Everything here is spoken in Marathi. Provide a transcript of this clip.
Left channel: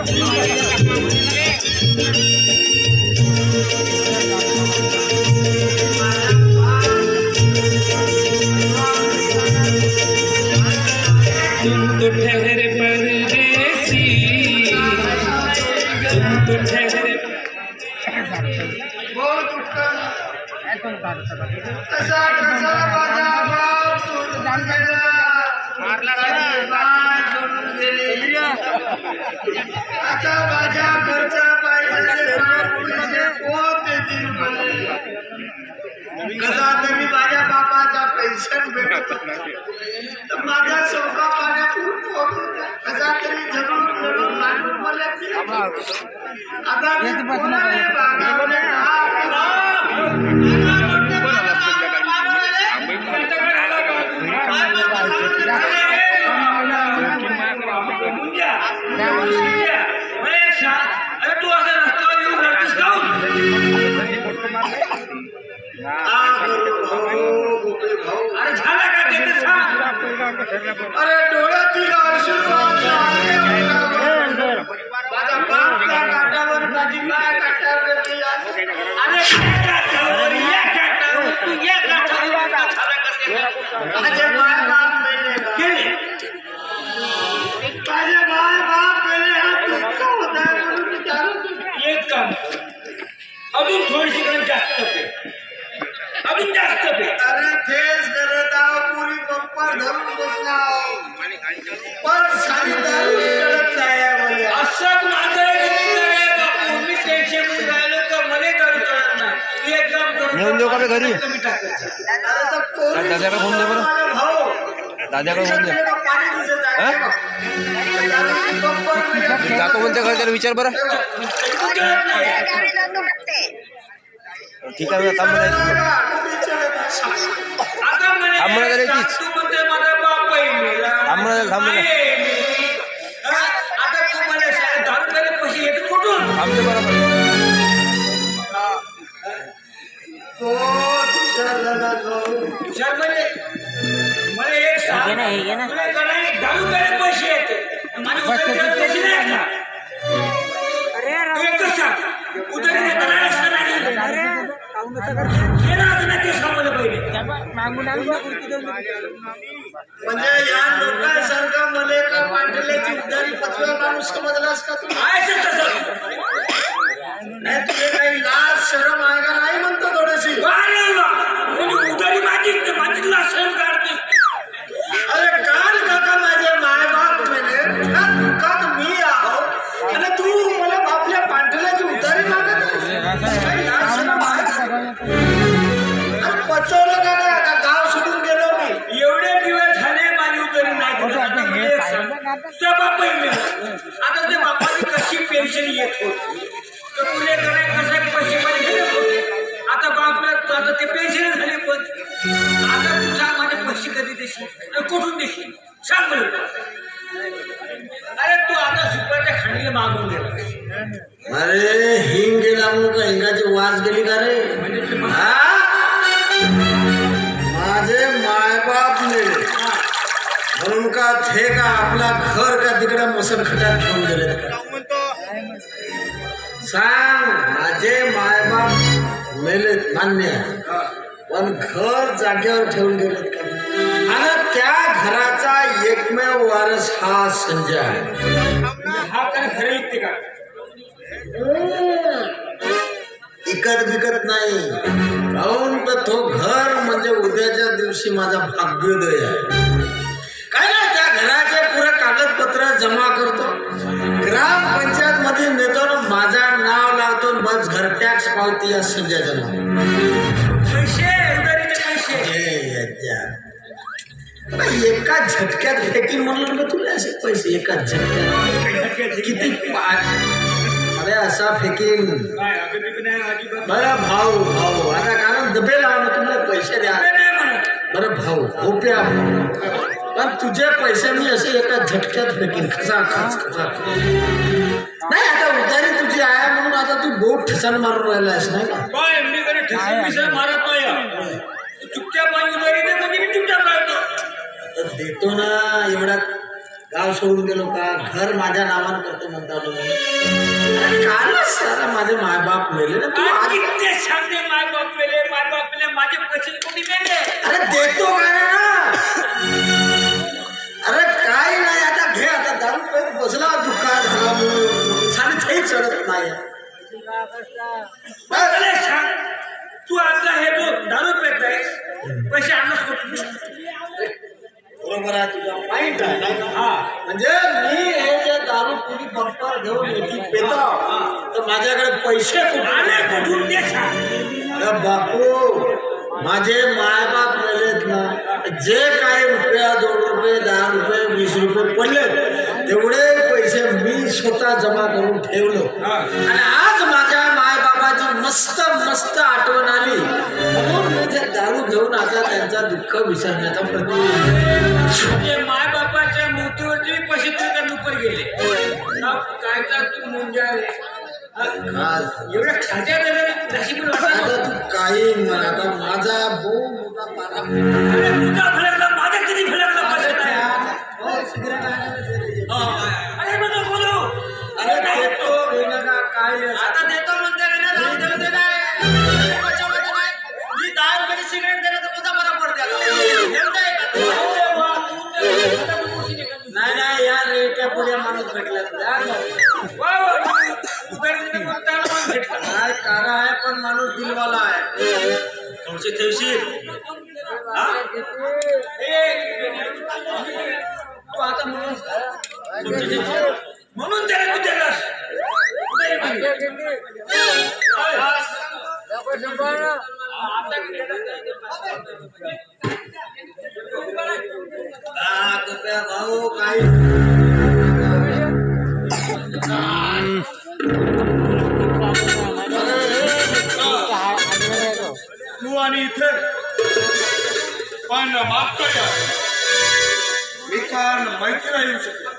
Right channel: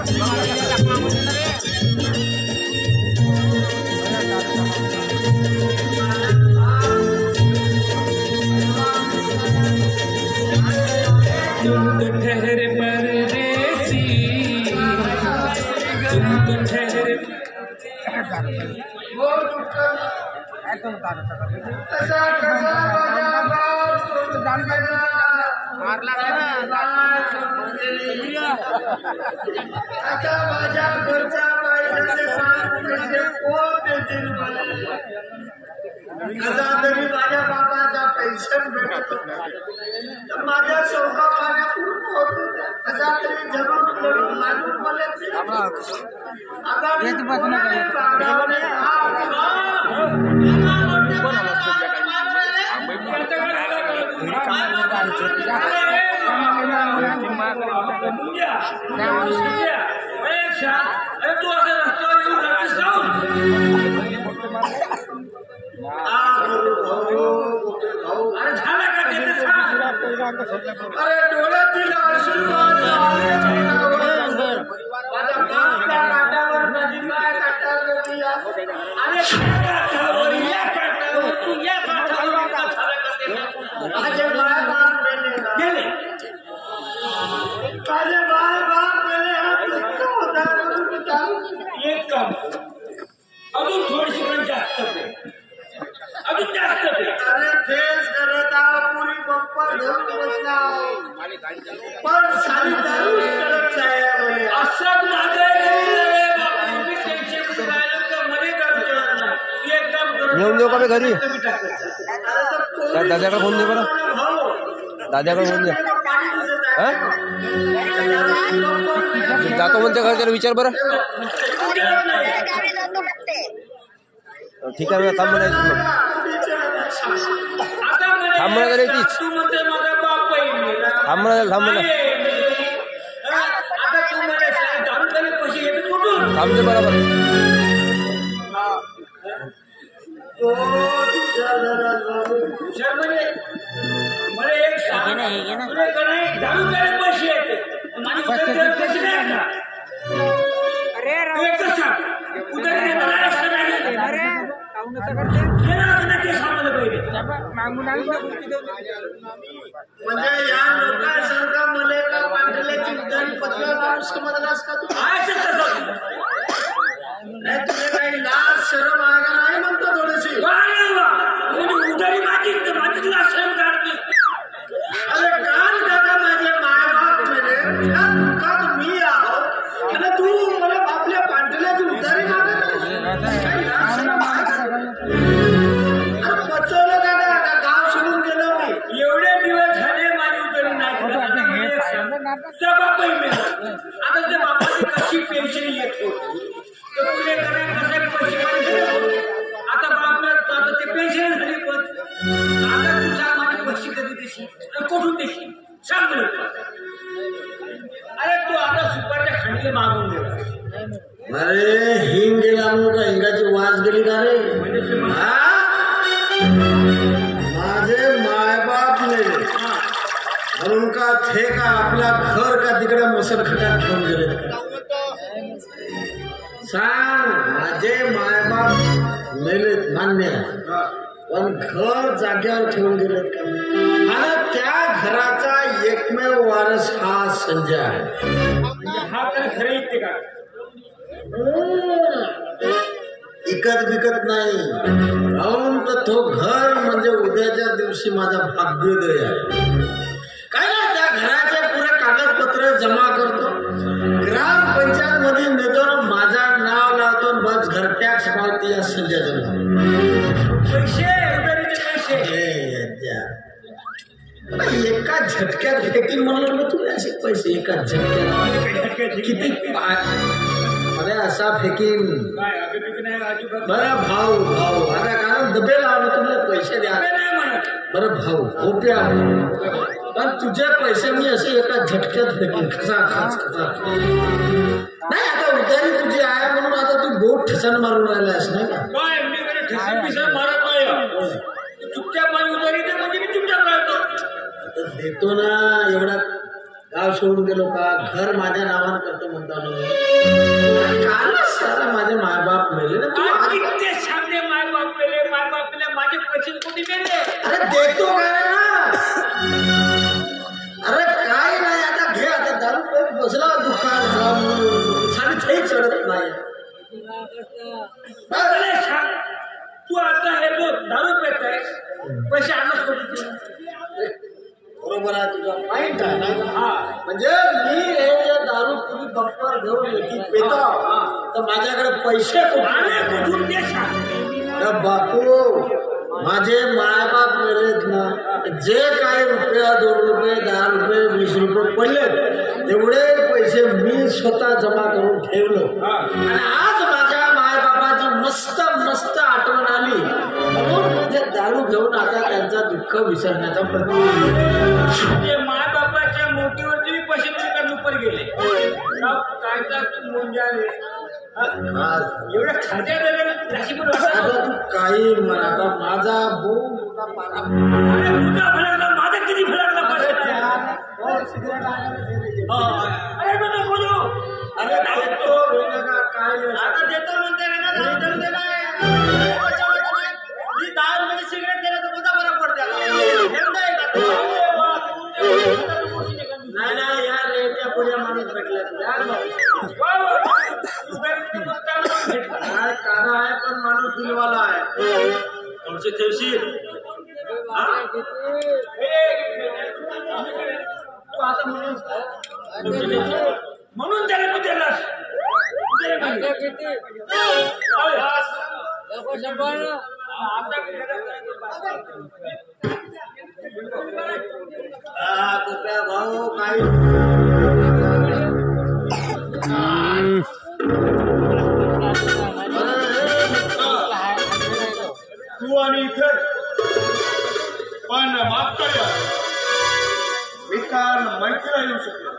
तुम तो ठहरे परदेसी, तुम तो ठहरे आता माझ्या घरच्या बाईचे 5 पैसे कोण देतील कसा तरी माझ्या बापाच्या पेन्शन भेटत तर माझ्या सोका पाण्यात कसा तरी झगडून लढून मांडून मला आता मी अरे तू असं रस्त्यावर येऊन राहतेस का अरे झाला का देतेस का अरे डोळ्यातील अश्रू माझा बाप त्या काटावर माझी माय काटावर अरे काटावर या काटावर तू या काटावर माझे माय बाप गेले माझे माय बाप गेले एक काम अजून थोडीशी जास्त पे अजून जास्त पे अरे तेच करत आहो पुरी पप्पा धरून बसला पण सारी दारू करत नाही असंच माझं मी टेन्शन मध्ये राहिलो तर मला दारू करत नाही एक काम करत घेऊन देऊ का मी घरी अरे तर दादाकडे फोन दे बरं दादाकडे फोन दे जातो बोलते घर त्याला विचार बरं ठीक आहे थांब म्हणजे या लोकांसारखं मला एका पांढऱ्याची उधारी पचव्या माणूस समजलास का तू नाही तुझे काही लाज शरम आहे का नाही म्हणतो थोडीशी उधारी माझी लाज शरम काढतो अरे काल काका माझे माय बाप मेले का मी आहो आणि तू मला आपल्या पांढऱ्याची उधारी मागत काही लाज शरम आहे का अरे पचवलं का गाव सोडून गेलो मी एवढे दिवस झाले माझी उधारी नाही आता ते बापाची कशी पेन्शन येत होती तर पुढे करायला कसे पैसे आता बाप आता ते पेन्शन झाले पण आता तू सांग माझे पैसे कधी देशील कुठून देशील सांग अरे तू आता सुपाच्या खांडीला मागून गेला अरे हिंग गेला म्हणून का हिंगाची वास गेली का रे म्हणजे माझे मायबाप मेले म्हणून का थे का आपला घर का तिकडे मुसलखड्यात घेऊन गेलेत का सांग माझे मायबाप मेलेत मान्य पण घर जाग्यावर ठेवून गेलेत का आणि त्या घराचा एकमेव वारस हा संजय आहे हा काय खरं ऐकते का इकत बिकत नाही काहून तर तो घर म्हणजे उद्याच्या दिवशी माझा भाग्योदय आहे काय ना त्या घराचे पुरे कागदपत्र जमा करतो ग्रामपंचायत मध्ये नेतो माझा नाव लावतो बस घर टॅक्स पावती या संजय जमा पैसे एका झटक्यात फेकी म्हणलं ना तुला असे पैसे एका झटक्यात किती अरे असा फेकीन बरं भाऊ आता कारण दबे लावलं तुम्हाला पैसे द्या बरं भाऊ होप्या पण तुझे पैसे मी असे एका झटक्यात फेकीन खचा नाही आता उधारी तुझी आहे म्हणून आता तू बोट ठसन मारून राहिलास नाही का मी कधी ठसन पिसन मारत नाही चुपचाप माझी उधारी दे म्हणजे मी चुपचाप राहतो देतो ना एवढा गाव सोडून गेलो का घर माझ्या नावानं करतो म्हणतालो कालच सारा माझे मायबाप मेले ना तू आज किती सांगते मायबाप मेले माझे पैसे कोणी मेले अरे देतो काय ना अरे काय नाही आता घे आता दारू पेट बसला दुःखात झाला म्हणून साडी चढत नाही मला सांग तू आता हे जो दारू पेत आहेस पैसे आणच कुठून बरोबर आहे तुझा पॉइंट आहे ना हा म्हणजे मी हे जे दारू पुरी बंपर घेऊन येते पेत्राव तर माझ्याकडे पैसे आले कुठून ते सांग अरे बापू माझे मायबाप मेलेत ना जे काही रुपया 2 रुपये 10 रुपये 20 रुपये पडले तेवढे पैसे मी स्वतः जमा करून ठेवलो आणि आज माझ्या मायबापाची मस्त मस्त आठवण आली म्हणून मी ते दारू घेऊन आता त्यांचा दुःख विसरण्याचा प्रयत्न मायबापाच्या मोठीवरती पैसे तुझ्या लुपर गेले काय तर तू मुंजाले एवढ्या खात्या नशीब तू काही म्हणा आता माझा भाऊ मोठा पारा अरे तुझा फलकला माझा किती फलकला पैसे नाही सिगरेट अरे नको बोलू अरे देतो वेगळा काय आता देतो म्हणते देऊ दे काय मी 10 रुपयाची सिगरेट दिलं तर तुझा बरा पडते नाही नाही या रेट्या पुढे माणूस भेटला काय कारा आहे पण माणूस दिलवाला आहे थोडसे ठेवशील तू आता म्हणून त्याला तू दिलास भाऊ काही तू आणि इथे पण माफ करूया मी काल मैत्रीला येऊ शकलो